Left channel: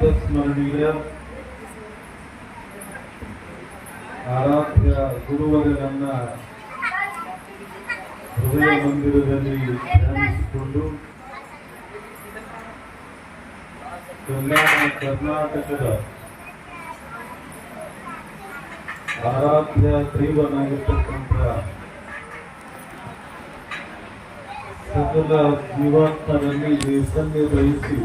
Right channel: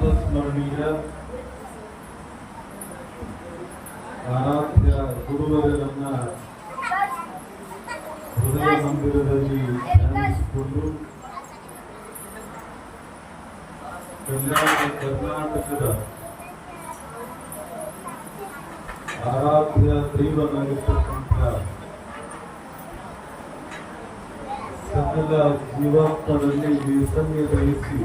ಪ್ರಾತಸ್ಮರಣೀಯ ಆರಾಧ್ಯ ಗುರುವರನ್ನ ಹೃದಯ ಮಂದಿರದಲ್ಲಿ ಧ್ಯಾನಿಸಿಕೊಂಡು ಕರ್ನಾಟಕದ ಆರಾಧ್ಯ ದೈವನಾಗಿರ್ತಕ್ಕಂಥ ಸಕಲ ಜೀವಾತ್ಮರಲ್ಲಿ ನೈರ್ಮಲ್ಯ ಬಯಸಿ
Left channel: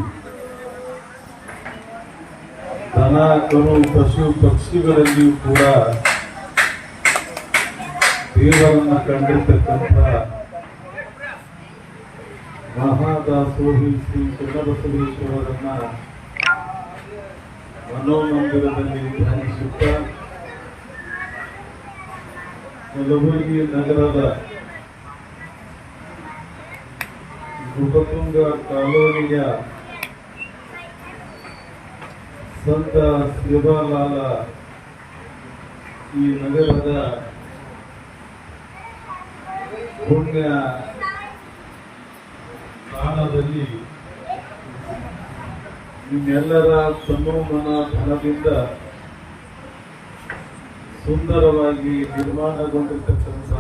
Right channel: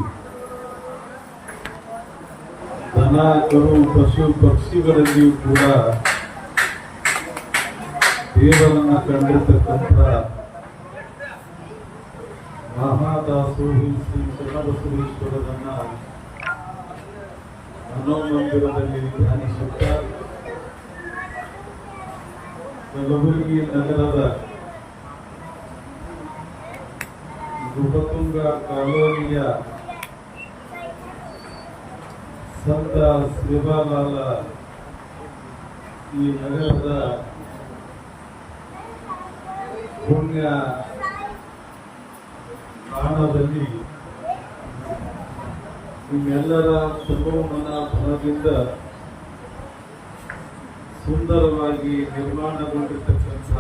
ದನ ಕರು ಪಶು ಪಕ್ಷಿಗಳಲ್ಲಿಯೂ ಕೂಡ ದೇವರನ್ನ ಕಂಡಿರ್ತಕ್ಕಂಥ ಮಹಾದಾಸೋಹಿ ಶ್ರೀ ಶರಣಬಸವೇಶ್ವರರನ್ನ ಮನೋಮಂದಿರದಲ್ಲಿ ಧ್ಯಾನಿಸುತ್ತಾ ಕಲಬುರಗಿ ನಗರದ ನೃಪತುಂಗ ಕಾಲೋನಿಯ ಸಂತ ಶಿವಲಾಲ ಈ ನಗರದ ಪುಣ್ಯ ಸ್ಥಾನದಲ್ಲಿ ನಿಮ್ಮೆಲ್ಲರ ತಮೋಮನ ಧನದಿಂದ ಸುಂದರವಾಗಿ ನಿರ್ಮಾಣಗೊಂಡಿರ್ತಕ್ಕಂಥ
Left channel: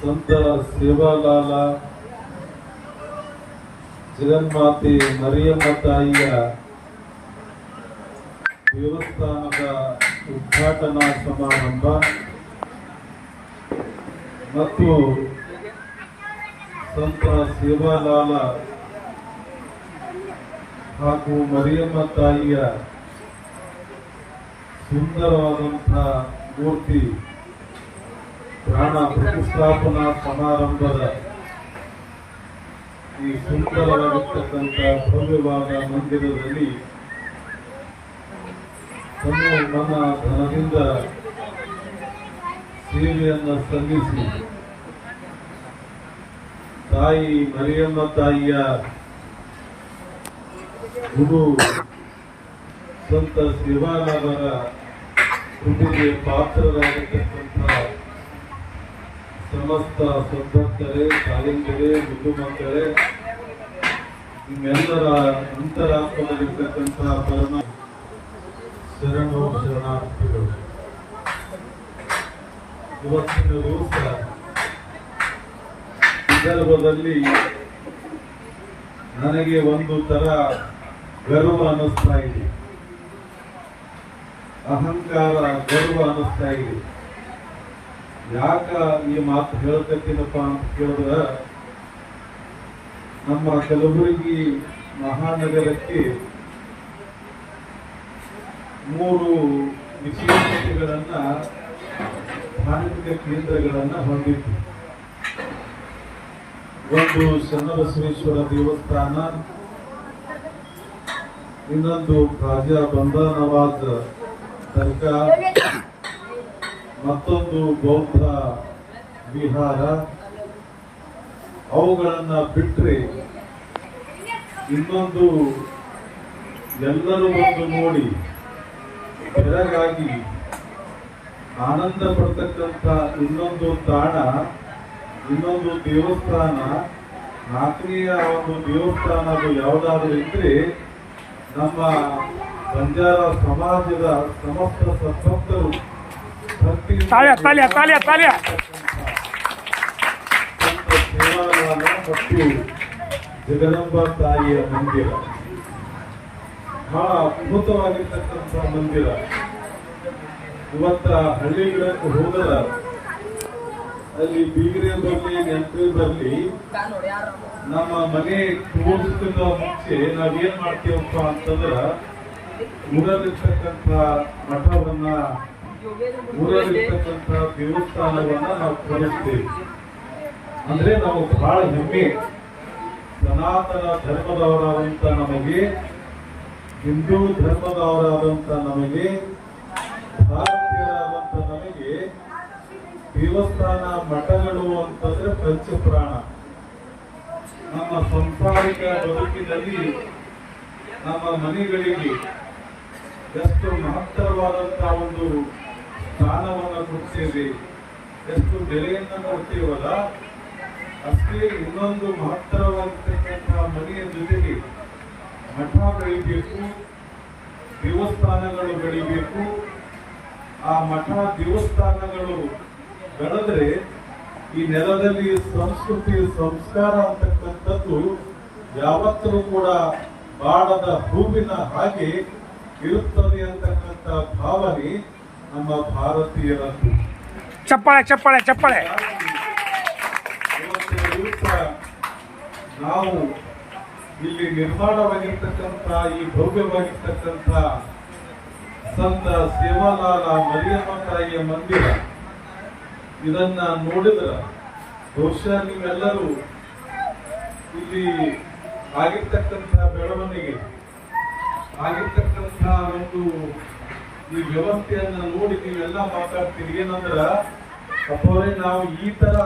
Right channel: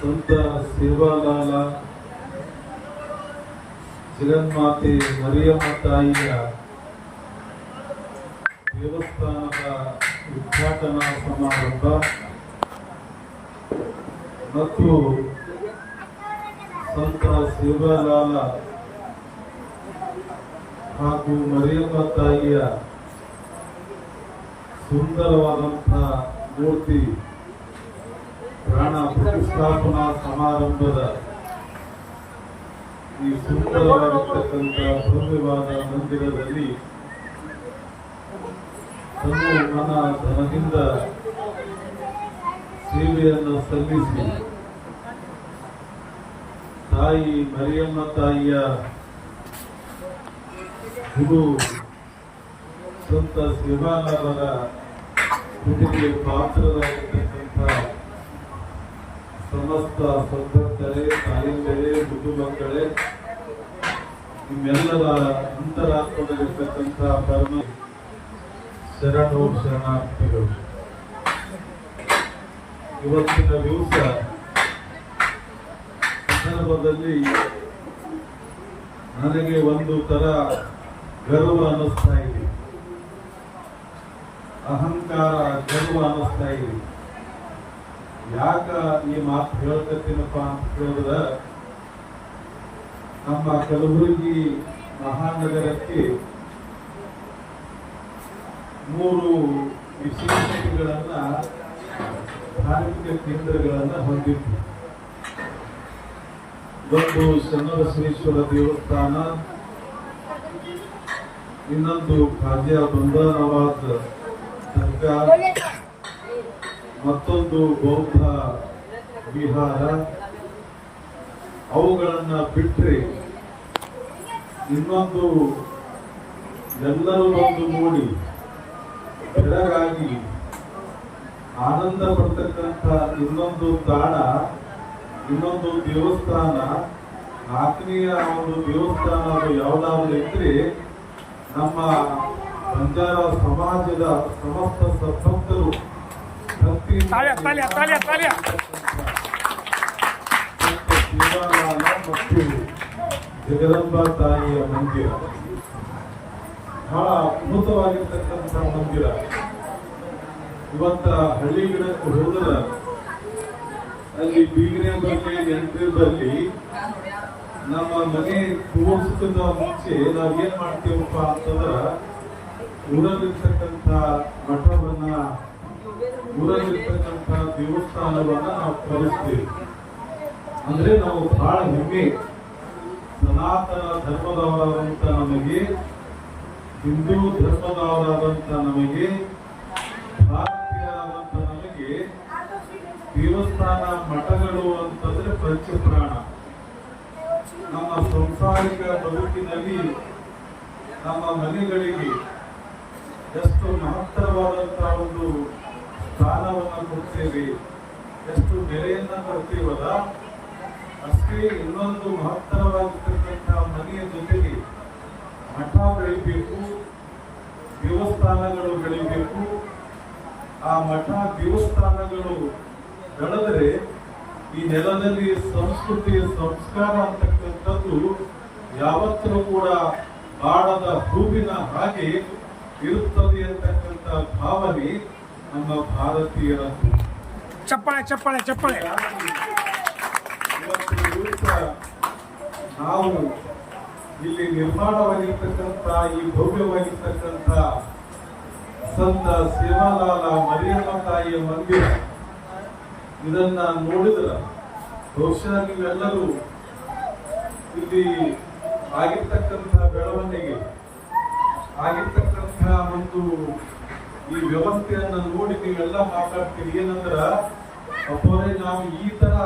ಸಂತ ಸೇವಾಲಾಲ ಜಗನ್ಮಾತೆ ಮರಿಯಮ್ಮ ತಾಯಿಯ ದೇವಸ್ಥಾನದ ಉದ್ಘಾಟನಾ ಸಮಾರಂಭ ಮತ್ತು ಸಂತ ಸೇವಾಲಾಲ ಹಾಗೂ ಮರಿಯಮ್ಮ ತಾಯಿಯ ಸುಂದರವಾದಂತಹ ಮೂರ್ತಿ ಪ್ರಾಣ ಪ್ರತಿಷ್ಠಾಪನಾ ಸಮಾರಂಭದ ಈ ಸುಂದರವಾಗಿರ್ತಕ್ಕಂಥ ಭವ್ಯವಾದ ಮಂದಿರದಲ್ಲಿ ತಮ್ಮ ಮನ ಧನದಿಂದ ಸೇವೆಯನ್ನು ಸಲ್ಲಿಸಿ ತಾಯಿ ಮರಿಯಮ್ಮ ತಾಯಿಯ ಗುರು ಸಂತ ಶಿವಾನವರ ಕೃಪೆಗೆ ಪಾತ್ರರಾಗಿರ್ತಕ್ಕಂಥ ಸಮಸ್ತ ಸದ್ಭಕ್ತರೇ, ತಾಯಂದಿರೇ, ಮುದ್ದು ಮಕ್ಕಳೇ, ನಿಮ್ಮೆಲ್ಲರ ಅಂತರಾತ್ಮದಲ್ಲಿರ್ತಕ್ಕಂತಹ ಪರಮ ಶರಣು ಶರಣಾರ್ಥಿಗಳು. ಇವತ್ತಿನ ದಿವಸ ಸಂದರ್ಭದಲ್ಲಿ ನನಗೆ ಒಂದು ತರ ಗರ್ವ ಅನ್ನಿಸ್ತಾ ಇದೆ, ಅಹಂಕಾರ ಗರ್ವ ಅನ್ನಿಸ್ತಾ ಇದೆ. ಯಾಕ ಈ ಮಾತು ಹೇಳ್ಕತ್ತೀನಪ್ಪ ಅಂತ ಕೇಳಿದ್ರೆ, ನಮ್ಮ ಕಲಬುರಗಿ ಮಹಾನಗರಕ್ಕೆ 3 ವಿಶೇಷತೆಗಳನ್ನ ಧಾರ್ಮಿಕ ಕೇಂದ್ರಗಳನ್ನ ಹೊಂದಿತ್ತು. ಒಂದು ಶರಣಬಸವೇಶ್ವರ ದೇವಸ್ಥಾನ, ಇನ್ನೊಂದು ಖಾಜಾ ಬಂದಾ ನವಾಜ್ ದರ್ಗಾ, ಮತ್ತೊಂದು ಬೌದ್ಧ ವಿಹಾರ. ಅವುಗಳನ್ನ ಬಿಟ್ಟರೆ ಇನ್ನೊಂದು ಎಲ್ಲರೂ ಬಂದು ನೋಡಿ ಬೆರಗಾಗಿ ಆನಂದ ಪಡ್ತಕ್ಕಂಥ ಇನ್ನೊಂದು ತಾಣ, ಇನ್ನೊಂದು ದೇವಸ್ಥಾನ, 4ನೆಯ ಒಂದು ದೇವಸ್ಥಾನ ಅದು ಯಾವುದಾದ್ರೂ ಇದ್ರೆ ನಮ್ಮ ಬಂಜಾರ ಸಮಾಜದ ಸಮಸ್ತ ಸದ್ಭಕ್ತರು ಭಕ್ತಿ ದೇವಾಲಯ ಮತ್ತು ಜಗದಂಬಾ ತಾಯಿಯ ಮಂದಿರ ಬಹಳ ಅದ್ಭುತವಾಗಿರ್ತಕ್ಕಂಥ ಮಂದಿರ. ಇವತ್ತ ಹಳ್ಳಿಗಿಡಕ್ಕೆ ಹೋದರೆ ಅಲ್ಲಿ ಬೀಗರೆ ಬರಲಿ ನೆನಪೇ ಬರಲಿ, ನಮ್ಮ ಮನೆ ತೋರಿಸಕ್ಕಿಂತ ಮುಂಚೆ ನಾವೇನ್ ಮಾಡ್ತೀವಪ್ಪ ಅಂತಂದ್ರ ಊರಲ್ಲಿರ್ತಕ್ಕಂಥ ಮಠವನ್ನ, ಊರಲ್ಲಿರ್ತಕ್ಕಂಥ ದೇವಸ್ಥಾನವನ್ನ ನಾವು ತೋರಿಸ್ತೇವೆ. ಅಂದ್ರೆ ನಾವು ಬಹಳ ಹೆಮ್ಮೆ, ಸನಾತನ ಧರ್ಮದವರಾದಂತ ನಮಗೆ, ಹಿಂದೂ ಧರ್ಮದವರಾದಂತ ನಮಗೆ, ಭಾರತೀಯರಾದಂತ ನಮಗೆ ದೇವಸ್ಥಾನ ಮಠಗಳು ಅಂತಂದ್ರೆ ಪಂಚಪ್ರಾಣ. ನಮ್ಮ ಸಂಸಾರಿಕ ಬದುಕಿನಲ್ಲಿ ನಮ್ಮ ಮನೆಗಳಿಗೆ ಎಷ್ಟು ಮಹತ್ತರವಾದಂತಹ ಒಂದು ಸ್ಥಾನವನ್ನು ಕೊಡ್ತೇವೆ, ಎಷ್ಟು ಬೆಲೆಯನ್ನು ಕೊಡ್ತೀವಲ್ಲ, ಅಷ್ಟೇ ಇನ್ನೊಂದು ಮಹತ್ತರವಾಗಿರ್ತಕ್ಕಂತಹ ಮನೆಯ ಜೊತೆಗೆ ಮಠ ಬೆಳಿಬೇಕು, ದೇವಸ್ಥಾನಗಳು ಬೆಳಿಬೇಕು. ಆ ಮಠ ದೇವಸ್ಥಾನಗಳು ಬೆಳೆದರೆ ಈ ನೆಲದಲ್ಲಿ ಸಂಸ್ಕೃತಿ ಸಂಸ್ಕಾರ ಅಂತಕ್ಕಂಥದ್ದು ಯಾವತ್ತೂ ಕೂಡ ಬಾಡದ ಹೂವಿನ ಹಾಗೆ ಇರುತ್ತದೆ ಅಂತಕ್ಕಂಥ ಭಾವನೆ ನಮ್ಮ ಭಾರತೀಯರದ್ದು. ಚಪ್ಪಾಳೆ ಚಪ್ಪಾಳೆ ಚಪ್ಪಾಳೆ. ಇವತ್ತು ದಿವಸ ನಾವು ಇಲ್ಲಿ ನಿರ್ಮಾಣವಾಗಿರ್ತಕ್ಕಂಥ ಈ ಭವ್ಯವಾಗಿರ್ತಕ್ಕಂಥ ಸಂತ ಸೇವಾಲಾಲ ಮರಿಯಮ್ಮ ತಾಯಿಯ ಮಂದಿರ, ಇದನ್ನ ನೋಡಿದ್ರೆ ಬಹುಶಃ ನೀವೆಲ್ಲರೂ ಇಲ್ಲಿ ಆಗಿರ್ತಕ್ಕಂಥ ಬೆಳವಣಿಗೆ, ಆಗಿರ್ತಕ್ಕಂಥ ಒಂದು ಈ ವ್ಯವಸ್ಥೆಯನ್ನ ನೋಡಿ ನೀವೆಲ್ಲ ಮಾತಾಡ್ತೀರಿ. ಏನಂದ್ರ ಅಪ್ಪೋರೆ ನಾವು ಈ ತರ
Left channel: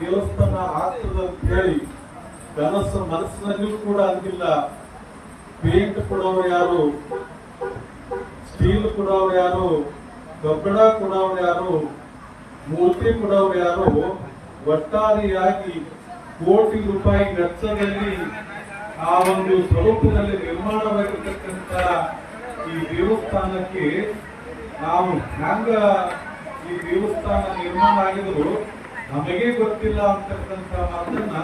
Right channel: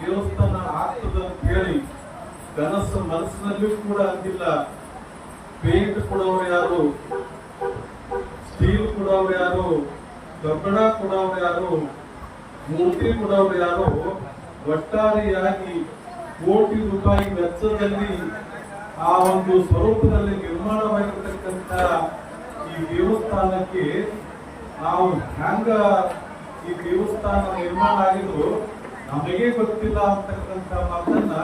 ದೇವಸ್ಥಾನ ಆಗ್ತದಂತ ಹೇಳಿ ಮನಸ್ಸಿನಲ್ಲೂ ಕೂಡ ಅಂದಿಲ್ಲ. ಪೇಂಟ್ ಕೊಡೋರು ಯಾರು, ಸ್ಟೀಲ್ ಕೊಡೋರು ಯಾರು, ಕಬ್ಬಣ ಕೊಡೋರು ಯಾರು, ಮೂರ್ತಿ ಕೊಡೋರು ಯಾರು, ಒಟ್ಟಾರೆಯಾಗಿ ಕೋಟಿ ರೂಪಾಯಿ ವೆಚ್ಚದಲ್ಲಿ ಆ ಒಂದು ಸ್ವರೂಪದಲ್ಲಿ ನಿರ್ಮಾಣವಾಗಿರ್ತಕ್ಕಂಥ ಈ ದೇವಸ್ಥಾನಕ್ಕೆ ನಾವು ಹ್ಯಾಂಗ ಈ ದೇವಸ್ಥಾನ ನಿರ್ಮಾಣ ಆಗಿದ್ರು ನಮಗೆ ಗೊತ್ತಿಲ್ಲ ಅಂತಕ್ಕಂಥ ಮಾತನ್ನ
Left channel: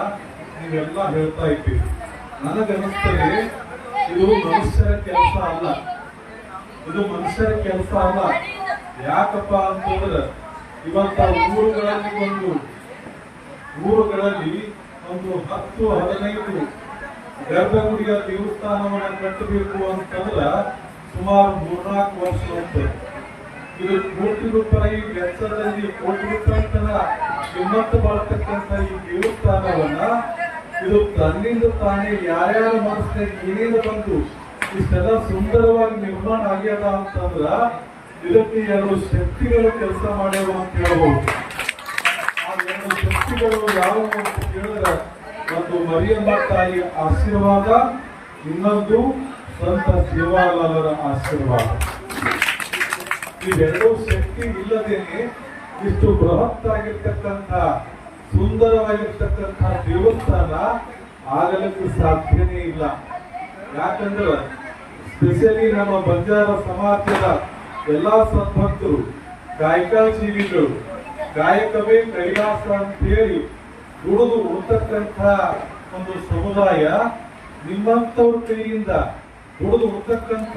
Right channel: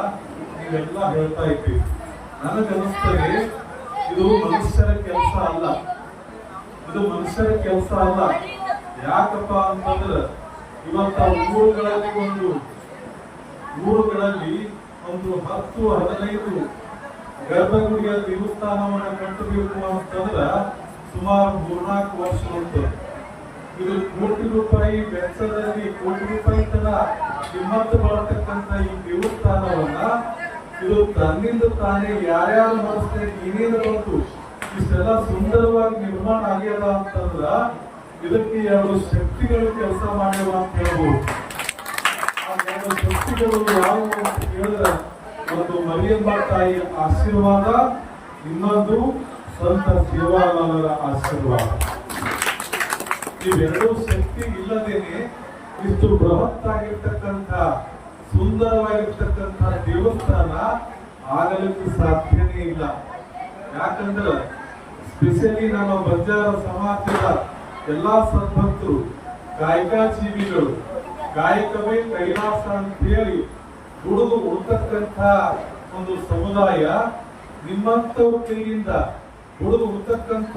ನೀವೆಲ್ಲ ಹೇಳ್ತಾ ಇದ್ದೀವಿ. ನನಗನ್ನಿಸ್ತದೆ ಇದು ಮನುಷ್ಯರ ಕೆಲಸ ಅಲ್ಲ, ಇದು ಮನುಷ್ಯರ ಕೆಲಸ ಅಲ್ಲ. ಯಾಕಪ್ಪ ಅಂತಂದ್ರೆ ಇವತ್ತ ಊರುಗಳಲ್ಲಿ ಒಂದು 10-15 ಗರ್ಭಗುಡಿಯ ದೇವಸ್ಥಾನವನ್ನ ಕಟ್ಟಬೇಕು ಅಂತಂದ್ರ ಸುಮಾರು 3-4 ವರ್ಷ ಉಂಟು. ಇದು ಕೋಟಿ ರೂಪಾಯಿ ವೆಚ್ಚದಲ್ಲಿ, ಕೋಟಿ ರೂಪಾಯಿ ತರ ಕಿಮ್ಮತ್ತು ಬಳತಕ್ಕಂಥ ಈ ದೇವಸ್ಥಾನವನ್ನ ಇದು ತನ್ನಿಂದ ತಾನೇ ಯಾರ್ಯಾರು ಮನಸ್ಸಿನಾಗ ಏನೇನು ಬಂದು ಇಷ್ಟೆಲ್ಲ ಸುಂದರವಾಗಿ ನಿರ್ಮಾಣ ಆಗ್ಯದ ಅಂತಂದ್ರ ಇದಕ್ಕೆ 2 ಶಕ್ತಿಗಳು ಕೆಲಸ ಮಾಡ್ಯಾವ ಅಂತ ಹೇಳ್ಬೋದು. ಆ 2 ಶಕ್ತಿಗಳು ಯಾವ ಅಂತ ಹೇಳಿದ್ರೆ, ಒಂದು ಮರಿಯಮ್ಮ ತಾಯಿ ಆಶೀರ್ವಾದ, ಇನ್ನೊಂದು ಸಂತ ಸೇವಾಲಾಲರ ಆಶೀರ್ವಾದ. ಇವೆರಡೂ ಶಕ್ತಿ ಇಲ್ಲದೇನೆ ಇಷ್ಟು ಬೃಹತ್ತಾಗಿರ್ತಕ್ಕಂಥ ಸುಂದರವಾಗಿರ್ತಕ್ಕಂಥ ದೇವಸ್ಥಾನ ಆಗಲಿಕ್ಕೂ ಸಾಧ್ಯನೇ ಇಲ್ಲ. ಯಾಕಂದ್ರೆ ಸ್ಪೆಷಲಿ ನಮ್ಮ ಬಂಜಾರ ಸಮಾಜದ ಎಲ್ಲಾ ಸದ್ಭಕ್ತರು, ಗಾಯಕ ಜೀವಿಗಳು, ಗಾಯಕವೇ ಕೈಲಾಸ ಅಂತ ಹೇಳಿ ದುಡಿದು ಉಳ್ತಕ್ಕಂಥ ಒಂದು ಸಮುದಾಯ, ನಿಮ್ಮಂತವ್ರ ಕೈಯಿಂದ ದುಡಿದು ಉಳ್ತಕ್ಕಂಥ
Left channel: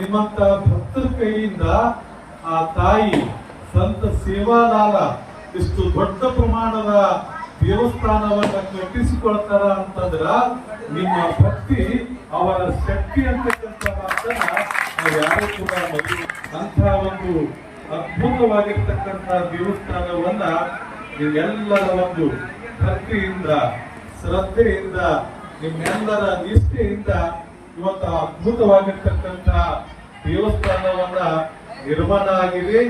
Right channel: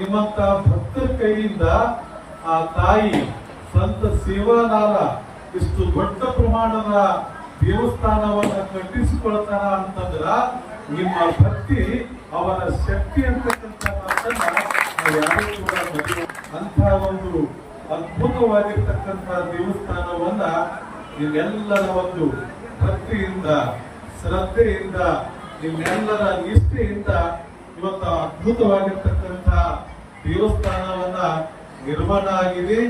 ನಿಮ್ಮಂತ ಭಕ್ತರ ಕೈಯಿಂದ ಆ ತಾಯಿ ಸಂತ ಸೇವಾಲಾಲ ಇಷ್ಟು ದೊಡ್ಡ ಪ್ರಮಾಣದ ದೇವಸ್ಥಾನವನ್ನ ಕಟ್ಟಿಸಿಕೊಳ್ತಾರ ಅಂತಂದ್ರ ನಿಮ್ಮ ಭಕ್ತಿ ಅವರ ಶಕ್ತಿ ಅಂತಕ್ಕಂಥ ಮಾತನ್ನ ನಾವು ಯಾರು ಕೂಡ ಮದುವೆ ಅಂತ ಒಂದು ಅದ್ಭುತವಾಗಿರ್ತಕ್ಕಂಥ ದೇವಸ್ಥಾನವನ್ನ ನಿಮ್ಮೆಲ್ಲರ ಒಂದು ಭಕ್ತಿಯಿಂದ, ಶ್ರದ್ಧೆಯಿಂದ, ನಿಮ್ಮೆಲ್ಲರ ನಿಷ್ಠೆಯಿಂದ ಇವತ್ತು ಅದ್ಭುತವಾಗಿರ್ತಕ್ಕಂಥ ದೇವಸ್ಥಾನವನ್ನ ನಿರ್ಮಾಣ ಆಗಿದೆ.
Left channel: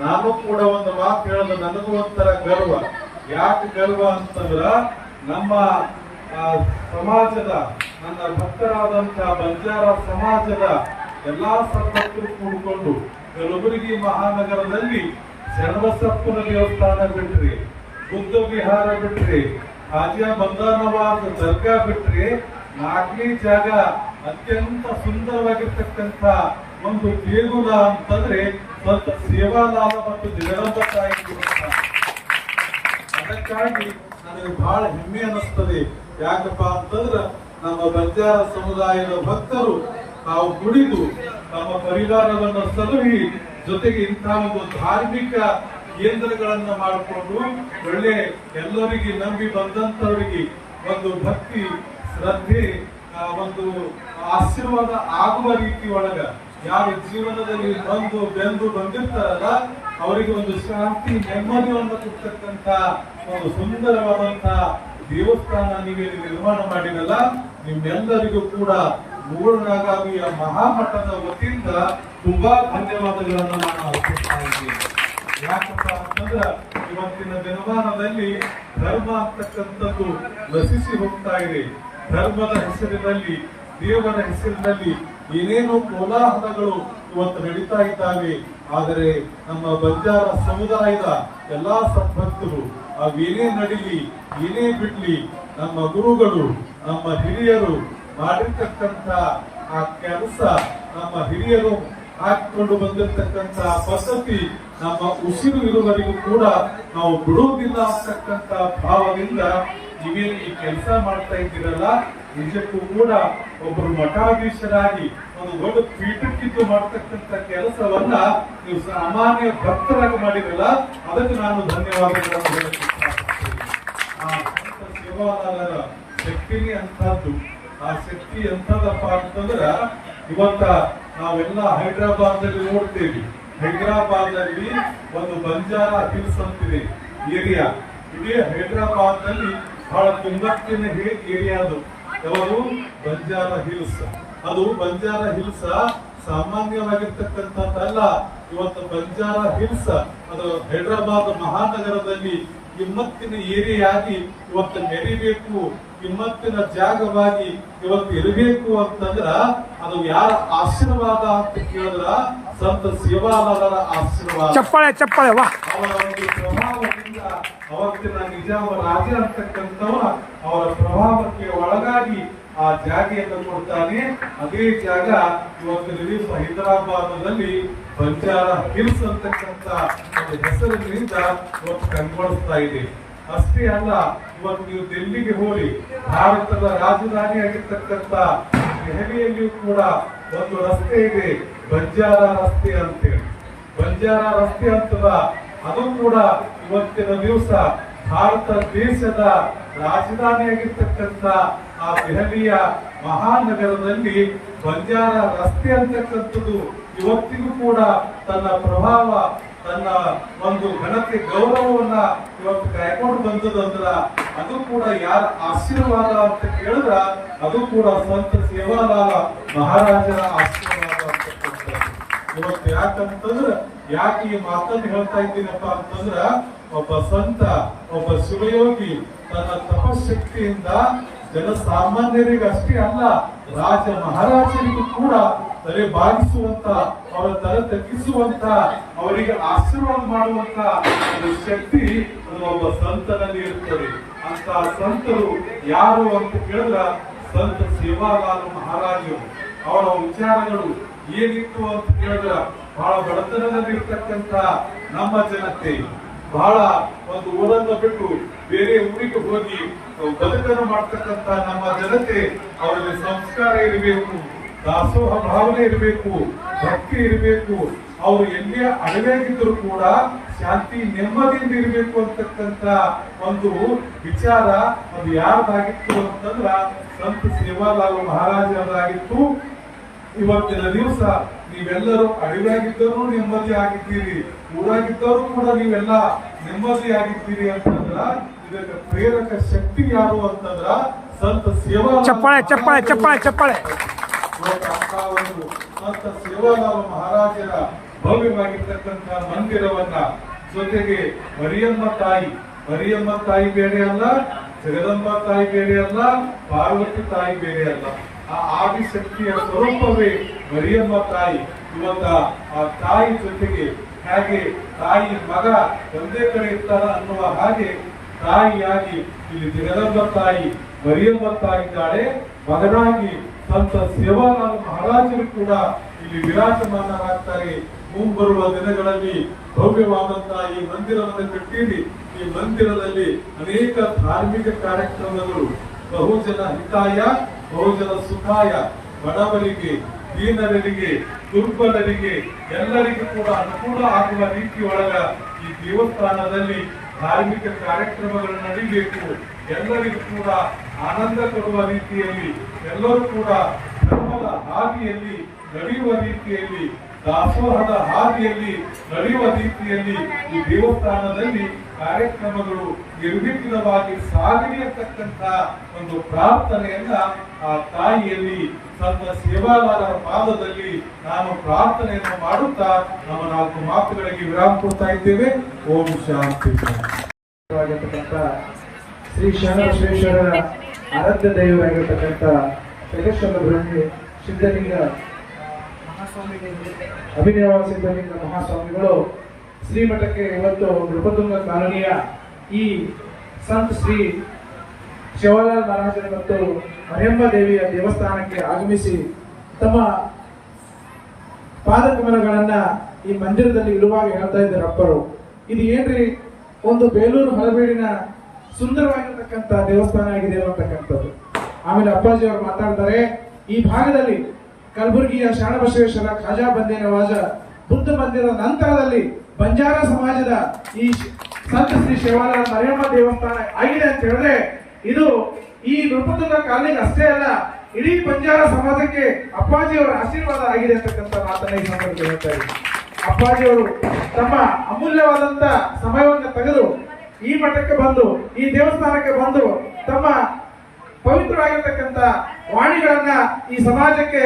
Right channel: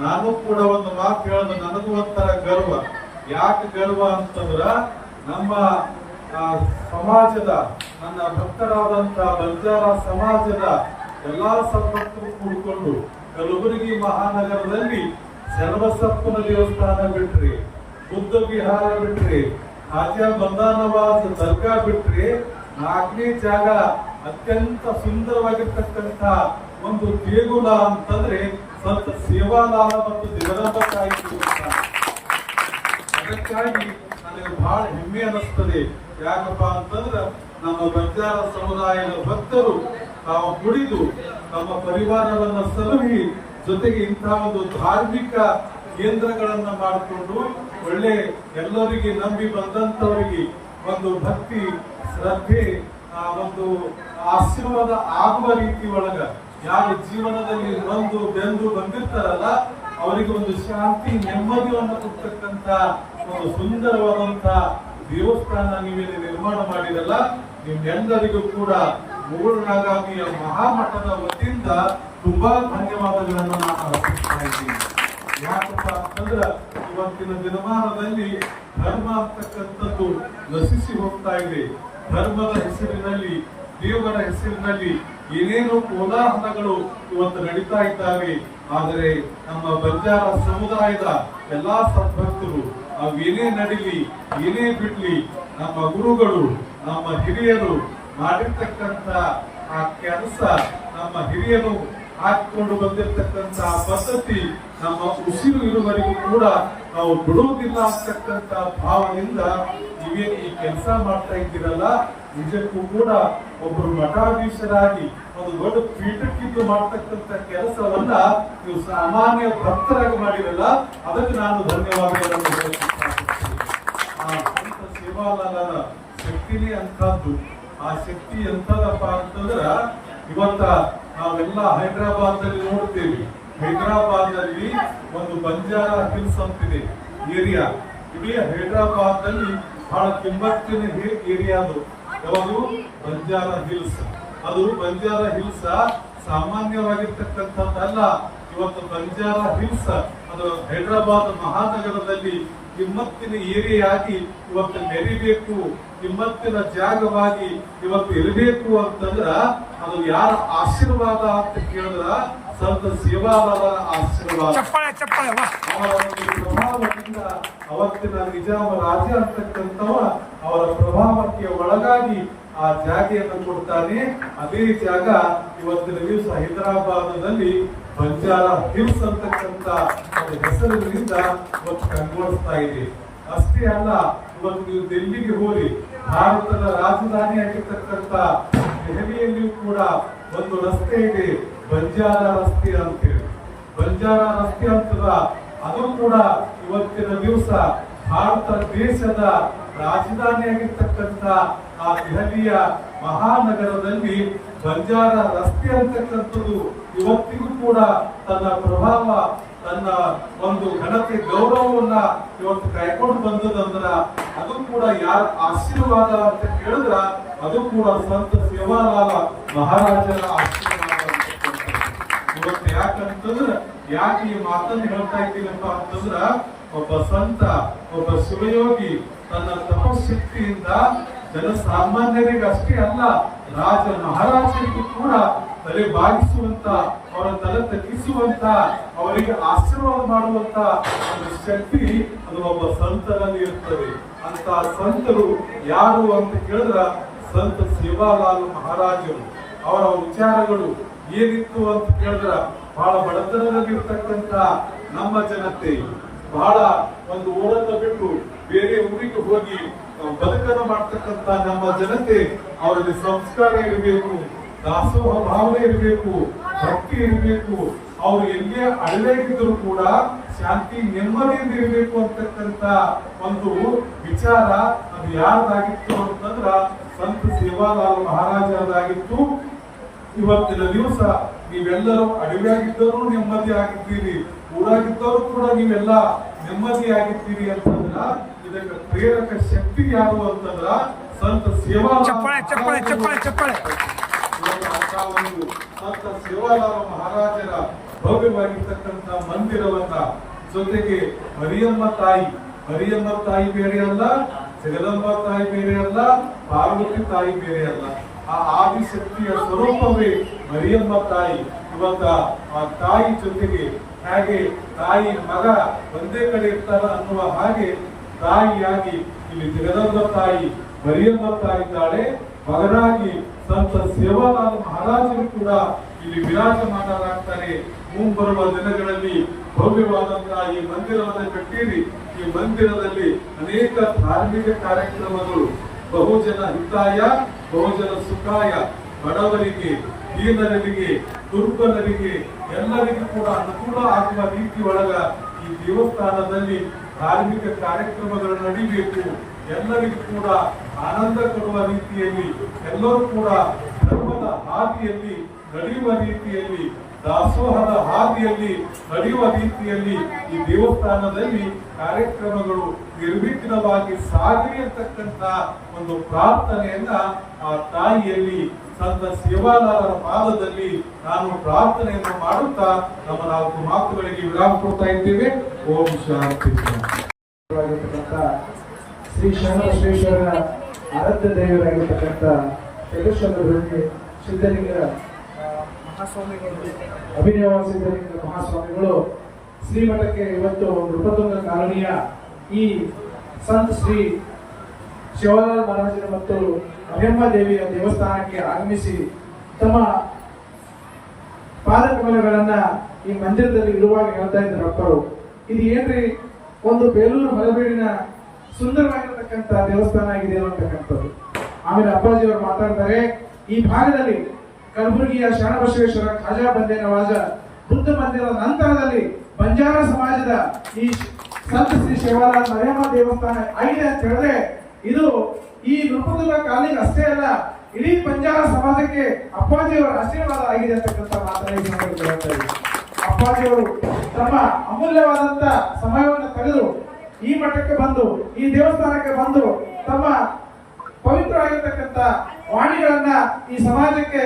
ನಾನು ಕೂಡ ಒಂದು ಮಾತು ಹೇಳೋದು, ನನಗೂ ಒಂಥರ ಗರ್ವ. ಯಾಕೆ ಗರ್ವ ಅಂತಂದ್ರ ನಮ್ಮ ಸಮಾಜದ, ನನ್ನ ಭಕ್ತರಾದಂತ ಬಂಜಾರ ಸಮಾಜದ ಎಲ್ಲಾ ಸದ್ಭಕ್ತರು ಕೂಡಿಕೊಂಡು ಕಲಬುರಗಿ ಮಹಾನಗರದಲ್ಲಿ ಶರ್ವಸಪ್ಪನ ದೇವಸ್ಥಾನ ಬಿಟ್ರಿ, ಬುದ್ಧ ವಿಹಾರ ಬಿಟ್ರಿ, ಹಾಜಾ ಬಂದಾನವಾದ ದರ್ಗಾ ಬಿಟ್ರಿ, 4ನೇ ಜಾಗ ಅತ್ಯಂತ ಸುಂದರವಾಗಿರ್ತಕ್ಕಂಥ ಒಂದು ದೇಗುಲ ಅಂತಂದ್ರೆ ಸ್ವಲ್ಪ ಸೇವಾಲಾಲ ಮತ್ತು ಜಗದಂಬ ತಾಯಿ ದೇವಸ್ಥಾನ. ಅದಕ್ಕಾಗಿ ನನಗೆ ಬಹಳ ಹೆಮ್ಮೆ ಅನಿಸ್ತದೆ. ಯಾಕಪ್ಪ ಅಂತಂದ್ರ ನಮ್ಮ ಬಂಜಾರ ಸಮುದಾಯದ ಭಕ್ತರು ತಾವು ದುಡಿದು ತಮ್ಮ ಪರಿವಾರವನ್ನ ಸಲಹಿ ಜೊತೆಗೆ ಇಂತಹ ಒಂದು ಧಾರ್ಮಿಕ ಕೇಂದ್ರಗಳನ್ನ ಮಾಡಿಕೊಂಡು ಒಳ್ಳೆ ಎಲ್ಲರಿಗೆ ನಂಬಿ ಬಂದಂತವರಿಗೆ ಒಂದು ಭಕ್ತಿ, ಶ್ರದ್ಧೆ, ಒಂದು ಆಶೀರ್ವಾದ ಆಗುವ ರೀತಿ ಒಳಗ ಯಾರು ಜೀವನದಲ್ಲಿ ಬೆಂದು ಬಂದಿರ್ತಾರಲ್ಲ ಅವರಿಗೆ ಒಂದು ಶಾಂತಿ, ನೆಮ್ಮದಿಯನ್ನು ಕೊಡ್ತಕ್ಕಂಥ ಒಂದು ಸುಂದರವಾದಂತ ದೇವಸ್ಥಾನ ನೀವೇನು ನಿರ್ಮಾಣ ಮಾಡಿರಲ್ಲ, ನಿಮ್ಮೆಲ್ಲರಿಗೂ ಕೂಡ ಮೂರನಾಗಾಮಿಯ ಮಹಾಮಠದ ವತಿಯಿಂದ ತುಂಬಾ ಧನ್ಯವಾದಗಳನ್ನು ನಾನು ಅರ್ಪಿಸ್ತಾ ಇದ್ದೀನಿ. ಯಾಕಪ್ಪ ಅಂತಂದ್ರ ಇವತ್ತಿನ ದಿನಮಾನದಲ್ಲಿ ಧರ್ಮ ಅಂತಕ್ಕಂಥದ್ದು ನಶಿಸಿ ಹೋಗ್ತಾ ಇದೆ. ಧರ್ಮದ ಹೆಸರಿನಲ್ಲಿ, ದೇವರ ಹೆಸರಿನಲ್ಲಿ ಏನೇನೋ ಕೋಲಾಹಲಗಳು ಇವತ್ತು ನಡೀತಾ ಇದ್ದಾವೆ. ಆದರೆ ನಮ್ಮ ಬಂಜಾರ ಸಮುದಾಯದ ಎಲ್ಲಾ ಸದ್ಭಕ್ತರು ಅವೇನೇ ನಡೀಲಿ, ಏನೇ ಬಿಡ್ಲಿ, ನಮ್ಮ ಗುರುಗಳು, ನಮ್ಮ ಹಿರಿಯರು, ಮಾಡಿರ್ತಕ್ಕಂಥ ಆ ಕೆಲಸ ನಮ್ಮ ಹಿರಿಯರು ಹಾಕಿಕೊಂಡು ಬಂದಿರತಕ್ಕಂತ ಪದ್ಧತಿ ನಮ್ಮ ಉಸಿರು ಇರುವವರೆಗೂ ಕೂಡ ನಾವು ಬಿಡುವುದಿಲ್ಲ ಅಂತಕ್ಕಂಥ ಭಾವದಿಂದ ನೀವೇನು ಈ ಕೆಲಸ ಮಾಡ್ತಾ ಇದ್ದೀರಲ್ಲ, ನಿಜಕ್ಕೂ ಕೂಡ ಒಬ್ಬರು ಮಠಾಧೀಶರಾಗಿ ಒಂದು ದೊಡ್ಡ ಪೀಠಕ್ಕಿದ್ದು ಮಾಡ್ತಕ್ಕಂಥ ಕೆಲಸವನ್ನ ನೀವು ಸಾಮಾನ್ಯ ಭಕ್ತರಾಗಿ ಮಾಡಿರಲ್ಲ, ಅದಕ್ಕೆ ನಾನು ಧನ್ಯವಾದಗಳನ್ನು ಹೇಳಕ್ಕೆ ಇಷ್ಟಪಡ್ತೀನಿ. ಆ ಸಂತ ಸೇವಾಲಾಲರ ಶಕ್ತಿನೇ ಅಂತದ್ದು. ಆ ಶಕ್ತಿ ಎಂತದಪ್ಪ ಅಂತಂದ್ರ ಇವತ್ತ ನಾವೆಲ್ಲ ಹೈದರಾಬಾದ್ನಲ್ಲಿ ನೋಡ್ತೇವೆ. ಹೈದರಾಬಾದ್ನಲ್ಲಿ ಒಂದು ಬಂಜಾರಾ ಹಿಲ್ಸ್ ಅಂತಿದೆ ಏರಿಯಾ. ಇಡೀ ಹೈದರಾಬಾದ್ನಲ್ಲಿ ಬಹಳ ಕಿಮ್ಮತ್ತಿನ ಏರಿಯಾ ಅದು. ಯಾವುದು? ಬಂಜಾರಾ ಹಿಲ್ಸ್. ಅದು ಬಂಜಾರಾ ಹಿಲ್ಸ್ ಸಾಮಾನ್ಯವಾಗಿರ್ತಕ್ಕಂಥದ್ದಲ್ಲ. ಇವತ್ತು ಬಂಜಾರಾ ಹಿಲ್ಸ್ ಅದು ಹೈದರಾಬಾದ್ ಮಹಾನಗರದಲ್ಲಿ ಕಿಮ್ಮತ್ತಿನ ಏರಿಯಾಗಿ ಇವತ್ತು ಮೆರಿಬೇಕು, ಕಿಮ್ಮತ್ತಿನ ಜಾಗವಾಗಿ ಇವತ್ತು ಇರಬೇಕು ಅಂತಂದ್ರ ಅದು ಯಾರ ಆಶೀರ್ವಾದ ಅಂತ ಕೇಳಿದ್ರ ಸಂತ ಸೇವಾಲಾಲರ ಆಶೀರ್ವಾದ. ಚಪ್ಪಾಳೆ ಚಪ್ಪಾಳೆ ವಾ. ಅವರ ಒಂದು ಪ್ರಭಾವದಿಂದ ಅವತ್ತಿನ ನಿಜಾಮ ರಾಜ ಅಂತಕ್ಕಂಥವ ಅವರ ಪ್ರಭಾವಕ್ಕೆ ಒಳಗಾಗಿ ಆ ಜಾಗೆಯನ್ನು ಕೊಡ್ತಾನೆ. ಅದೇ ಜಾಗ ಇವತ್ತಿನ ದಿವಸ ಹೈದರಾಬಾದ್ನಲ್ಲಿ ಬಂಜಾರಾ ಹಿಲ್ಸ್ ಅಂತಕ್ಕಂಥ ಒಂದು ಹೆಸರಿನಿಂದ ಇವತ್ತು ಕಂಗೊಳಿಸ್ತಾ ಇದೆ. ಅಷ್ಟೇ ಅಲ್ಲ, ಇವತ್ತು ನೀವು ದಿಲ್ಲಿಗೆ ಹೋಗಿ ಭಾರತದ ರಾಜಧಾನಿ ಆಗಿರ್ತಕ್ಕಂಥ ದೆಹಲಿಯಲ್ಲಿಯೂ ಕೂಡ ಒಂದು ರಸ್ತೆ ಇದೆ, ಬಂಜಾರಾ ರಸ್ತೆ ಅಂತೇಳಿ. ಬಂಜಾರಾ ರಸ್ತೆ ಅಂತದ ಅದು ಕೂಡ ಇವತ್ತಿನ ದಿವಸ ಭಾರತ ದೇಶದ ರಾಜಧಾನಿಯಾಗಿರ್ತಕ್ಕಂಥ ಆ ದೆಹಲಿಯ ಮಹಾನಗರದಲ್ಲಿ ಬಂಜಾರಾ ರಸ್ತೆ ಅಂತಕ್ಕಂಥದ್ದು ಇವತ್ತಿಗೂ ಕೂಡ ತನ್ನ ಪ್ರಭಾವ, ತನ್ನ ಒಂದು ಘನತೆ, ಗೌರವವನ್ನ ಇವತ್ತು ಕಾಯ್ಕೊಂಡು ಬಂದದಂದ್ರ ಅದು ಕೂಡ ಯಾರ ಆಶೀರ್ವಾದ ಅಂತ ಕೇಳಿದ್ರ ಅದು ಕೂಡ ಸಂತ ಸೇವಾಲಾಲ ಮಹಾರಾಜರ ಆಶೀರ್ವಾದ ಅಂತ. ಇವತ್ತು ಯಾಕಂತಂದ್ರ ಯಾಕೆ ಈ ಮಾತನ್ನು ಹೇಳ್ತಾ ಇದ್ದೀನಪ್ಪ ಅಂತಂದ್ರ ಒಬ್ಬ ಸಂತ, ಒಬ್ಬ ಶಿವಯೋಗಿ ತನ್ನ ತಪಶಕ್ತಿಯಿಂದ ಜನಸಾಮಾನ್ಯರಿಗೆ ಅಷ್ಟೇ ಅಲ್ಲ, ರಾಜ ಮಹಾರಾಜರಿಗೂ ಕೂಡ ತಲೆ ಬಾಗಿಸುವಂತ, ಅವರ ತಲೆ ತಗ್ಗಿಸುವಂತ, ಅವರಿಗೆ ಆಶೀರ್ವಾದ ಮಾಡುವಂತ ಒಂದು ಶಕ್ತಿ ಅದು ಒಬ್ಬ ಸಂತನಲ್ಲಿ ಇರ್ತದೆ. ಅಂತ ಸಂತರು ಯಾರು ಅಂತ ಕೇಳಿದ್ರ ಸಂತ ಸೇವಾಲಾಲ ಮಹಾರಾಜರು. ಅವರ ವಿಚಾರಗಳು ಏನಿತ್ತು ಅಂತ ಕೇಳಿದ್ರ ಬಹಳ ಬಡತನದಲ್ಲಿ ಇರ್ತಕ್ಕಂಥ ನಮ್ಮ ಜನತೆ, ಬಹಳ ಒಂದು ಊರನ್ನು ಬಿಟ್ಟು ಬೇರೆ ಊರಿಗೆ ಹೋಗಿ ಬದುಕನ್ನು ಮಾಡ್ತಕ್ಕಂಥ ನಮ್ಮ ಜನತೆ, ಅವರಿಗೆ ಸಂಸ್ಕಾರ ಇರಬೇಕು, ದಾಸೋಹ ಭಾವನೆ ಇರಬೇಕು, ಭಕ್ತಿ ಇರಬೇಕು. ಅವರು ಎಲ್ಲೇ ಅಡವಾಗಿದ್ದರೂ ಕೂಡ ಶಾಂತಿ ನೆಮ್ಮದಿಯಿಂದ ಇರಬೇಕು ಅಂತಕ್ಕಂಥ ಒಂದು ವಿಚಾರ ಅದು ಯಾರ್ದಾಗಿತ್ತು ಅಂತಂದ್ರ ಸಂತ ಸೇವಾಲಾಲ ಮಹಾರಾಜರದಾಗಿತ್ತು. ಇವತ್ತಿನ ದಿವಸ ನೀವೆಲ್ಲರೂ ಅಡವಿಯಾಗಿದ್ದರೂ ನೆಮ್ಮದಿ ಆಗಿದ್ದೀರಿ, ಊರಾಗಿದ್ದವರು ಕೂಡ ನೀವೆಲ್ಲ ನೆಮ್ಮದಿ ಆಗಿದ್ದೀರಿ ಅಂತಂದ್ರ ಇದಕ್ಕೆ ಪ್ರೇರಕ ಶಕ್ತಿ ಯಾರು ಅಂತಂದ್ರ ಸಂತ ಸೇವಾ. ಚಪ್ಪಾಳೆ ಚಪ್ಪಾಳೆ ಚಪ್ಪಾಳೆ ಚಪ್ಪಾಳೆ. ಸಂತ ಸೇವಾಲಾಲ ಮಹಾರಾಜರ ಭವ್ಯವಾಗಿರ್ತಕ್ಕಂಥ ಮಂದಿರವನ್ನ, ಜೊತೆಗೆ ಮರಿಯಮ್ಮ ತಾಯಿ ಬೇರೆ ಅಲ್ಲ, ಜಗದಂಬ ತಾಯಿ ಬೇರೆ ಅಲ್ಲ, ಪಾರ್ವತಿ ತಾಯಿ ಬೇರೆ ಅಲ್ಲ, ಆ ಆದಿಶಕ್ತಿಯ ಸ್ವರೂಪವೇ ಮರಿಯಮ್ಮ ತಾಯಿ. ಇವತ್ತ ಆ ತಾಯಿ ಜೊತೆಗೆ ಹಾಗೆ ತಾಯಿ ಮಗ ಒಂದೇ ಕಡೆ ಇರ್ತಾರ ಅನ್ನುವ ಹಾಗೆ ತಾಯಿಯಾಗಿ ಇಲ್ಲಿ ಜಗದಂಬ ತಾಯಿ ಮರಿಯಮ್ಮ ತಾಯಿ ಇದ್ದಾಳೆ. ಮಗನಾಗಿ ಸಂತ ಸೇವಾಲಾಲ ಮಹಾರಾಜರು ಕೂಡ ಇಲ್ಲಿ ವಿರಾಜಮಾನರಾಗ್ತಾರೆ. ಮುಂಬರುವ ದಿನಗಳಲ್ಲಿ ಭವ್ಯವಾದಂತಹ ಈ ಮಂದಿರವನ್ನು ಕಟ್ಟಿರಿ. ಈ ಮಂದಿರದಲ್ಲಿ ಅನೇಕ ಧಾರ್ಮಿಕ ಕಾರ್ಯಕ್ರಮಗಳು, ಬಹುಜನ ಹಿತಾಯ ಬಹುಜನ ಸುಖಾಯ, ಬಡವರಿಗೆ, ದೀನರಿಗೆ, ದುರ್ಬಲರಿಗೆ ಎಲ್ಲರಿಗೂ ಕೂಡ ಅನುಕೂಲ ಆಗುವ ರೀತಿ ಒಳಗ ಈ ದೇವಸ್ಥಾನದಲ್ಲಿ ಧಾರ್ಮಿಕ ಕಾರ್ಯಕ್ರಮಗಳು ನಡೀಬೇಕು. ಎಲ್ಲರಿಗೂ ಕೂಡ ಆನಂದ ಕೊಡುವ ರೀತಿಯಲ್ಲಿ, ಎಲ್ಲರೂ ಕೂಡ ಧರ್ಮದ ಹಾದಿಯಲ್ಲಿ ನಡೆಯುವ ರೀತಿಯಲ್ಲಿ, ದಾಸೋಹದ ಹಾದಿಯಲ್ಲಿ ನಡೆಯುವ ರೀತಿಯಲ್ಲಿ ಈ ದೇವಸ್ಥಾನದಲ್ಲಿ ಕಾರ್ಯಕ್ರಮಗಳು ನಿರ್ವಿಘ್ನವಾಗಿ ಸಾಗಲಿ ಅಂತಕ್ಕಂಥ ಒಂದು ಪ್ರಾರ್ಥನೆಯನ್ನ ಆ ತಾಯಿಯಲ್ಲಿ ಸಂತ ಸೇವಾಲಾಲರ ಪಾದದಲ್ಲಿ ನಾನು ಪ್ರಾರ್ಥನೆಯನ್ನು ಮಾಡುತ್ತಾ ನಮ್ಮ 4 ಮಾತುಗಳಿಗೆ ವಿರಾಮ ಕೊಡ್ತಾ ಇದ್ದೇವೆ. ಓಂ ಶಾಂತಿ. ಶ್ರೀ ಶರಣಬಸವೇಶ್ವರರ ಆರಾಧ್ಯ ದೈವರಾಗಿರ್ತಕ್ಕಂಥ ಯಲ್ಲೇಶ್ವರ ಸಿದ್ಧಲಿಂಗ ಮಹಾಸ್ವಾಮಿಗಳು, ಅಭಿನವ ಸಿದ್ಧಲಿಂಗ ಮಹಾಸ್ವಾಮಿಗಳು ಶ್ರೀಮಠಕ್ಕೆ ಇವತ್ತು ನೃಪತುಂಗ ಕಾಲನಿಯ ಈ ಸಂತ ಶ್ರೀ ಸೇವಾಲಾಲ್ ಮಹಾರಾಜರ ಮತ್ತು ಮರಿಯಮ್ಮ ದೇವಿಯ ದೇವಸ್ಥಾನಕ್ಕೆ ಆಗಮಿಸಿ ತಮ್ಮ ಪಾದಕಮಲಗಳನ್ನ ಈ ಮಂದಿರದಲ್ಲಿ ಇರುವಾಗ ಹೇಳ್ತಾ ಇದ್ದಾರೆ ಅಪ್ಪರು. ಇದು ಏನ್ರಿ, ಒಂದು ಬೇಲೂರು ಹೊರಬೀಡಿನ ಸುಂದರವಾಗಿರತಕ್ಕಂತ ದೇವಸ್ಥಾನ ಆಗಿದೆ ಅಂತಕ್ಕಂಥದ್ದು. ಆಮೇಲೆ ಅಪ್ಪಾಜಿ ಅವರು ಮಾತಾಡ್ತಾರೆ, ಈ ಭಾಗದಲ್ಲಿ ಕಲಬುರಗಿಯ ಶರಣಬಸವೇಶ್ವರ ಖಾಜಾ ಬಂದೇ ನವಾಜ ಬುದ್ಧ ಮಂದಿರದ ನಂತರದಲ್ಲಿ ಬಂಜಾರ ಸಮಾಜದ ಈ ಸಂತ ಶ್ರೀ ಶಿವಾಲಾಲ್ ಮರಿಯಮ್ಮ ದೇವಸ್ಥಾನ ಆಗಿದೆ ಅಂತ ಹೇಳಿದ್ರೆ ಇದು ಈ ನೃಪದುರ್ಗ ಕಾಲನಿಗೆ ಅಷ್ಟೇ ಅಲ್ಲ, ಇಡೀ ಬಂಜಾರ ಸಮಾಜಕ್ಕೆ ಅಪ್ಪಾಜಿಯವರ ಆಶೀರ್ವಾದ ಆಗಿದೆ ಅಂತಕ್ಕಂಥ ಮಾತನ್ನ ಈ ಸಂದರ್ಭದಲ್ಲಿ ಹೇಳ್ತಾ ಇದ್ದೀನಿ. ಅಪ್ಪಾಜಿಯವರು ತಮ್ಮ ಅಮೂಲ್ಯವಾದಂತ ಸಮಯವನ್ನು ತೆಗೆದು ಈ ಮಠಕ್ಕೆ ಬಂದು, ಈ ದೇವಸ್ಥಾನಕ್ಕೆ ಬಂದು ತಮ್ಮ ಪವಿತ್ರವಾಗಿರ್ತಕ್ಕಂಥ ವಾಣಿಗಳನ್ನ ಈ ಸಮಾಜಕ್ಕೆ,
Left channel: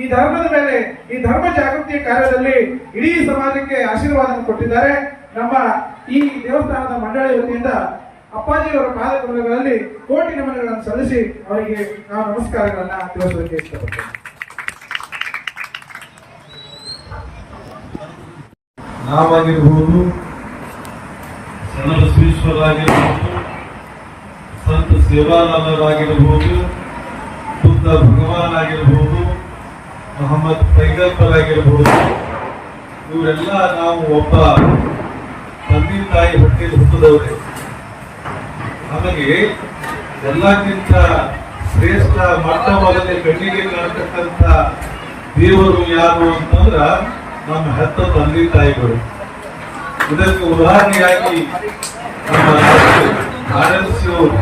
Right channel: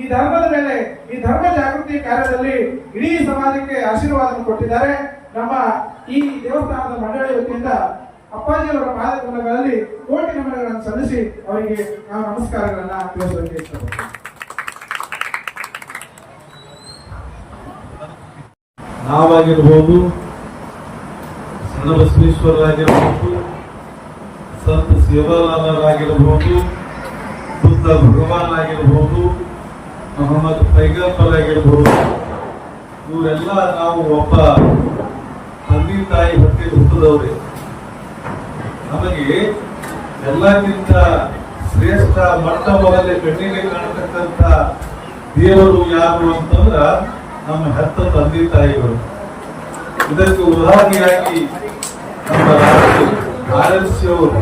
ಈ ಧರ್ಮದ ಮೇಲೆ, ಈ ಧರ್ಮ ಜಾಗೃತಿ ಕಾರ್ಯದಲ್ಲಿ ಇಡೀ ಸಮಾಜಕ್ಕೆ ಆಶೀರ್ವಾದ ಕೊಟ್ಟಿದ್ದಾರೆ. ನಮ್ಮ ಈ ದೇವಸ್ಥಾನದ ಮಂಡಳಿ ವತಿಯಿಂದ ಅಪ್ಪಾಜಿಯವರ ಪಾದಕಮಲಗಳಲ್ಲಿ ಕೋಟಿ ನಮನಗಳನ್ನು ಸಲ್ಲಿಸಿ ಅವರಿಗೆ ನಾವು ನಮಸ್ಕಾರಗಳನ್ನ ತಿಳಿಸೋದಕ್ಕೆ ಇಷ್ಟಪಡ್ತೇವೆ. ನಾವಾಗಿರ್ಬೋದು, ಶರಣಬಸವೇಶ್ವರ ಆಗಿರಬಹುದು, ಸಂತ ಸೇವಾಲಾಲರಾಗಿರಬಹುದು, ಬುದ್ಧ ಭಗವಾನ್ ಆಗಿರಬಹುದು, ಮೊಹಮ್ಮದ್ ಪೈಗಂಬರ್ ಆಗಿರಬಹುದು, ಇವರೆಲ್ಲ ನಾವು ಒಬ್ಬ ತಂದೆ ತಾಯಿ ಹೊಟ್ಟೆಯಲ್ಲಿ ಹುಟ್ಟಿದವರೇ. ನಮಗೆ ಎಲ್ಲಕ್ಕಿಂತ ಶ್ರೇಷ್ಠ ಮಟ್ಟವಲ್ಲದೆ ಕಣ್ಣಿಗೆ ಕಾಣತಕ್ಕಂಥ ದೇವರು ಯಾರು ಅಂತಂದ್ರ ನಮ್ಮ ಹೆತ್ತ ತಂದೆ ತಾಯಿಗಳು. ಇದಕ್ಕೆ ಉದಾಹರಣೆಯಾಗಿ ನಮ್ಮ RLC ಅವರು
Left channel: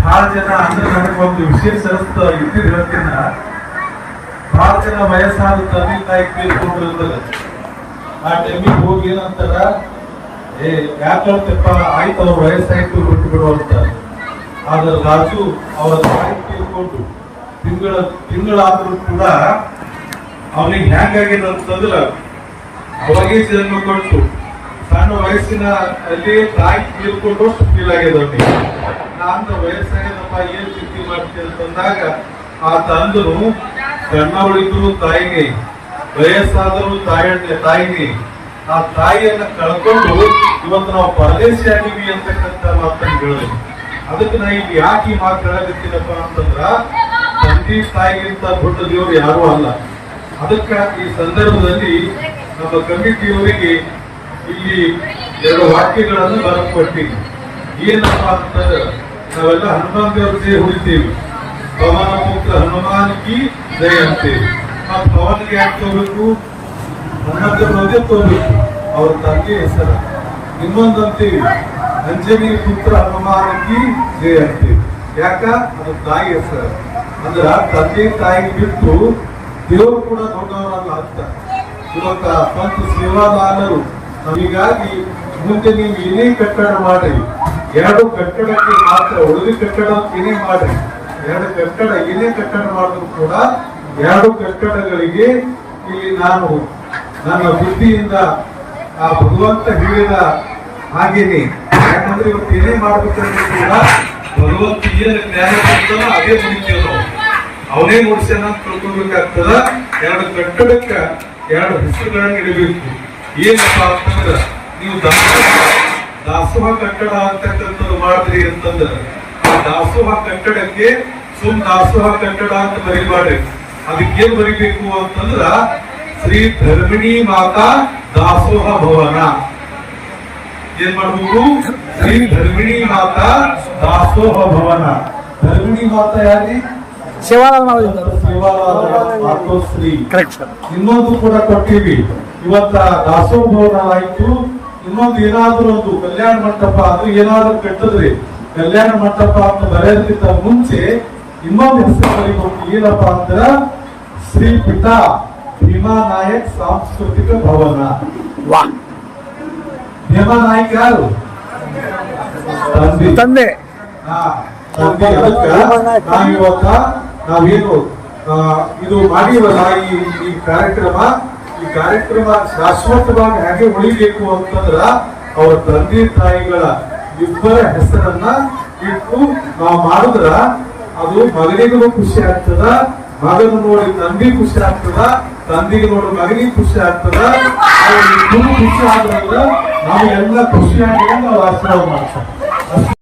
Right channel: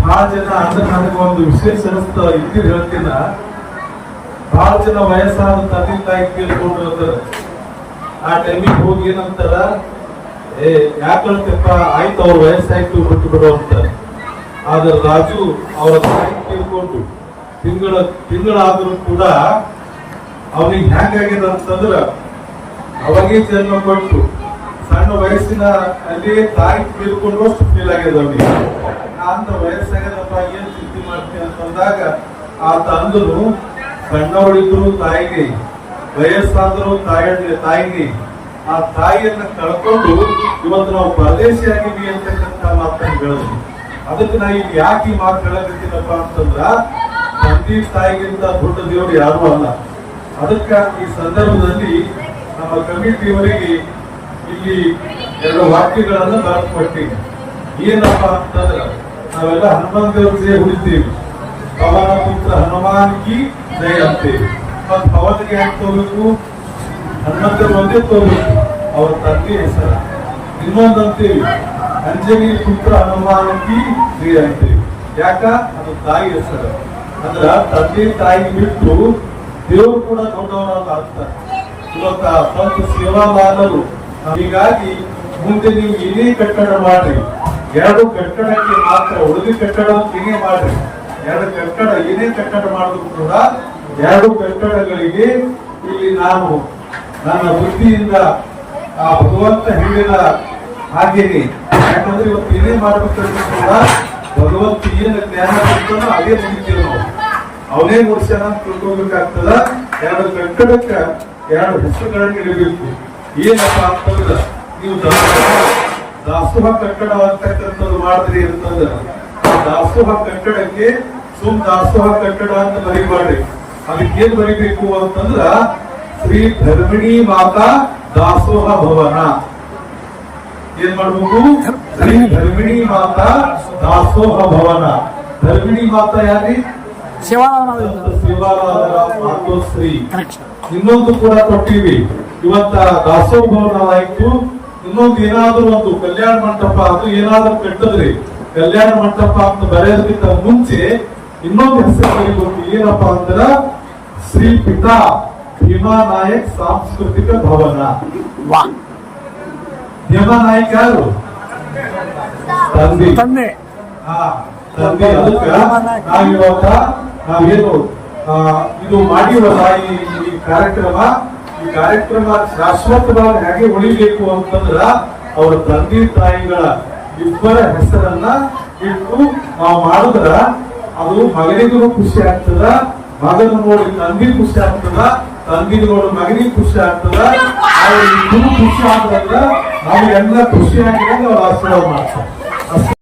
ಬಹಳ ಜನ ಅಂದ್ರೆ ನನಗೆ ಒಂದು ವಿಶೇಷ ಅನಿಸ್ತು, ಇದ್ದು ಹೇಳ್ತೀನ, ಬಹಳ ಜನ ವಯಸ್ಸಾದ ತಂದೆ ತಾಯಿ ಕೇಳ್ಕೊಂಡಿರ್ತಾರೆ. ಆ ಟೈಮಿಗೆ ಹೋಗಿ ಏನಂತಾರ, ಯಾಕಂತಪ್ಪ ಆಯ್ತು ಅವ್ರ ವಯಸ್ಸಾಯ್ತು ಬಿಟ್ಟು ಬಿಡು ಅಂತಾರೆ. ಆದ್ರೆ ರಾಜು ಅವರ ತಾಯಿ ಕೇಳ್ಕೊಂಡು ತಿಂಗಳಾದ್ರೂ ಕೂಡ ಅವನಿಗೆ ಹೆಂಗಾಗಿದೆ ಅಂತಂದ್ರ ಅವಾಗೇ ಜನ್ಮ ಕೊಟ್ಟು ಸಣ್ಣ ವಯಸ್ಸಿನ ಅಲ್ಲಿ ತಾಯಿ ತೀರ್ಕೊಂಡು ಫೀಲ್ ಆಗ್ಯದ ಅವನಿಗೆ. ನಾಂತ ವಯಸ್ಸಾಗ್ಯದಪ್ಪ ಏನ್ ಚಿಂತೆ ಮಾಡ್ತೀನಿ ಅಂತಂದಾಗ ಆ ತಂದನು ಸಣ್ಣವಳಿದ್ರು ತಾಯಿಗೆ, ವಯಸ್ಸಾದರೂ ತಾಯಿಗೆ, ಆ ತಾಯಿಯನ್ನ ಕಳ್ಕೊಂಡು ಇವತ್ತು ನಾವು ಪರದೇಶಿಯಾಗಿವಿ ಅಂತಕ್ಕಂಥ ಮಾತನ್ನು ಹೇಳಿದ್ವಿ. ಅದಕ್ಕೆ ನಾ ಈಗ ಯಾಕೆ ಈ ಮಾತು ಹೇಳಕತ್ತೀನಪ್ಪ ಅಂತಂದ್ರ ತಂದೆ ತಾಯಿಗಿಂತ ದೊಡ್ಡ ದೇವರು ಯಾರು ಅಲ್ಲ. ಅದಕ್ಕ ಈ ಸಂದರ್ಭದಲ್ಲಿ ನಮ್ಮ ಕಮಿಟಿಯವರಿಗೆ ಇಲ್ಲಿ 2 ವಾಕ್ಯಗಳನ್ನು ಬರ್ಕೊಟ್ಟಿವಿ. ಏನಪ್ಪ ಅಂತಂದ್ರೆ ನಾವೆಲ್ಲ ಹನುಮಾನ್ ದೇವ್ರ ಜಯ ಹುಡಿತೀವಿ, ಪವನ ಪುತ್ರ ಹನುಮಾನ್ ಕಿ ಜಯ ಅಂತೇವಿ. ಮತ್ ಪವನ್ಗೆ ಯಾಕೆ ತಗೋಬೇಕು, ಹನುಮಂತರು ಒಂದೇ ತಗೋಬೇಕು, ಅವ್ರ ತಂದೆ ಹೆಸರು. ಇನ್ನೊಂದು ಅಂತೀವಿ ಅಂಜನಿ ಪುತ್ರ ಹನುಮಾನ್ ಕಿ ಜಯ ಅಂತೇವಿ. ಯಾಕ, ಅದು ತಾಯಿ ಹೆಸರು. ಅಂದ್ರ ತಂದೆ ತಾಯಿ ಬಿಟ್ಟು ದೇವರು ಕೂಡ ದೊಡ್ಡವರನ್ನು ಆಗ್ತಾರೆ. ಇವತ್ತ ಸ್ವಂತ ಸೇವಾದಾರರು. ಹೀಗಾಗಿ ಮುಂದೆ ನೀವು ಏನೇ ಕಟ್ಟಡ ಮಾಡ್ರಿ, 2 ಕಟ್ಟಡಕ್ಕೆ ಮಾತ್ರ, ಉಳಿದ ಕಟ್ಟಡ ಏನೇ ಮಾಡ್ರಿ, 2 ಕಟ್ಟಡ ಏನೇ ಕಟ್ಟಡ ಮಾಡಿದ್ರು ಕೂಡ 2 ಕಟ್ಟಡಗಳಿಗೆ ಇಲ್ಲಿ ನಾನು ನನ್ನ ಬುದ್ಧಿಯಿಂದ ಆ ಭಗವಂತ ಹೇಳಿದ ಹಾಗೇನೆ. ಯಾಕಂದ್ರೆ ಇವತ್ತು ಏನೇ ಮಾಡ್ಬೇಕಂದ್ರೆ ಕೂಡ ಭಗವಂತ ಏನು ಜ್ಞಾನ ಕೊಡ್ತಾನೋ ಅದೇ ಮುಗಿತೇವೆ ನಾವು. ಅವನೇ ಮುಡಿಸ್ಯಾನ ಅಂತ ತಿಳ್ಕೊಬೇಕಾಗ್ತದ. 2 ಕಟ್ಟಡಕ್ಕ 2 ಹೆಸರುಗಳನ್ನ ಇಡಬೇಕು. ಏನಪ್ಪಾ ಅಂತಂದ್ರ ನೀವು ದಾಸೋಹ ಕಟ್ಟಡ ಅಂತಕ್ಕಂಥದ್ದು ಮಾಡಿದ್ರಿ ಅಂತಂದ್ರ ಆ ದಾಸೋಹ ಕಟ್ಟಡಕ್ಕೆ ದಾಸೋಹ ಕಟ್ಟಡ ಅಂತ ಬರೀಬಾರ್ರಿ. ಅದಕ್ಕೇನ್ ಬರೀಬೇಕು ಅಂತಂದ್ರ ಶ್ರೀ ಧರ್ಮಿಣಿ ಮಾತಾ ದಾಸೋಹ ಭವನ. ಏನ್ ಮಾಡ್ಬೇಕು, ಶ್ರೀ ಧರ್ಮಿಣಿ ಮಾತಾ ದಾಸೋಹ ಭವನ. ಧರ್ಮಿಣಿ ಮಾತಾ ಯಾರಿ, ಶ್ರೀ. ಇನ್ನೊಂದು ಕೂಡ ಕೊಟ್ಟಿವಿ. ಇವತ್ತ ದಾಸೋಹ ಭವನ ಆಯ್ತು. ಇನ್ನೊಂದು ಏನಾದ್ರೂ ಒಂದು ಕಲ್ಯಾಣ ಮಂಟಪ ಅದು ಏನಾದ್ರೂ ಕಟ್ಟದ್ರಿ, ಕಲ್ಯಾಣ ಮಂಟಪ ಅಂತ ಬರೆಯೋದಕ್ಕಿಂತ ಮುಂಚೆ ಇನ್ನೊಂದು ಹೆಸರು ಬರೀಬೇಕು. ಏನಪ್ಪ ಅಂದ್ರ ಶ್ರೀ ಪಿತಾ ಭೀಮಾ ನಾಯಕ್ ಸಾಂಸ್ಕೃತಿಕ ಭವನ. ಭೀಮಾ ನಾಯಕ್ ಯಾರು, ತಂದೆ. ತಂದೆ ಅದಕ್ಕ ನಾವಿವತ್ತ ನಾವೇನು ಇದು ಮಾಡಿವಲ್ಲ ಈ ಕಾರ್ಯಕ್ರಮ ಶಾಶ್ವತವಾಗಿ ಹೇಗೆ ಉಳಿಬೇಕು ಅಂತಂದ್ರ ಅವರ ತಂದೆ ತಾಯಿಗಳ ಇಬ್ಬರ ಹೆಸರನ್ನ ಇಟ್ಟು ನಾವು ಮಾಡಿದ್ರ ಅದು ಮಗನಿಗೂ ಖುಷಿ ಆಗ್ತದ, ಮಗನ ನೋಡಿ ತಂದೆ ಖುಷಿ ಆಗ್ತದ, ತಂದೆಗೆ ನೋಡಿ ಮಗನಿಗೆ ಖುಷಿ ಆಗ್ತದ. ಅವ್ರಿಗೆ ಖುಷಿ ಆದ್ರಂದ್ರ ನಾವು ಎಲ್ಲ ಖುಷಿಯಾಗಿ ನಾವು ಆಶೀರ್ವಾದ ಮಾಡ್ತಾರೆ.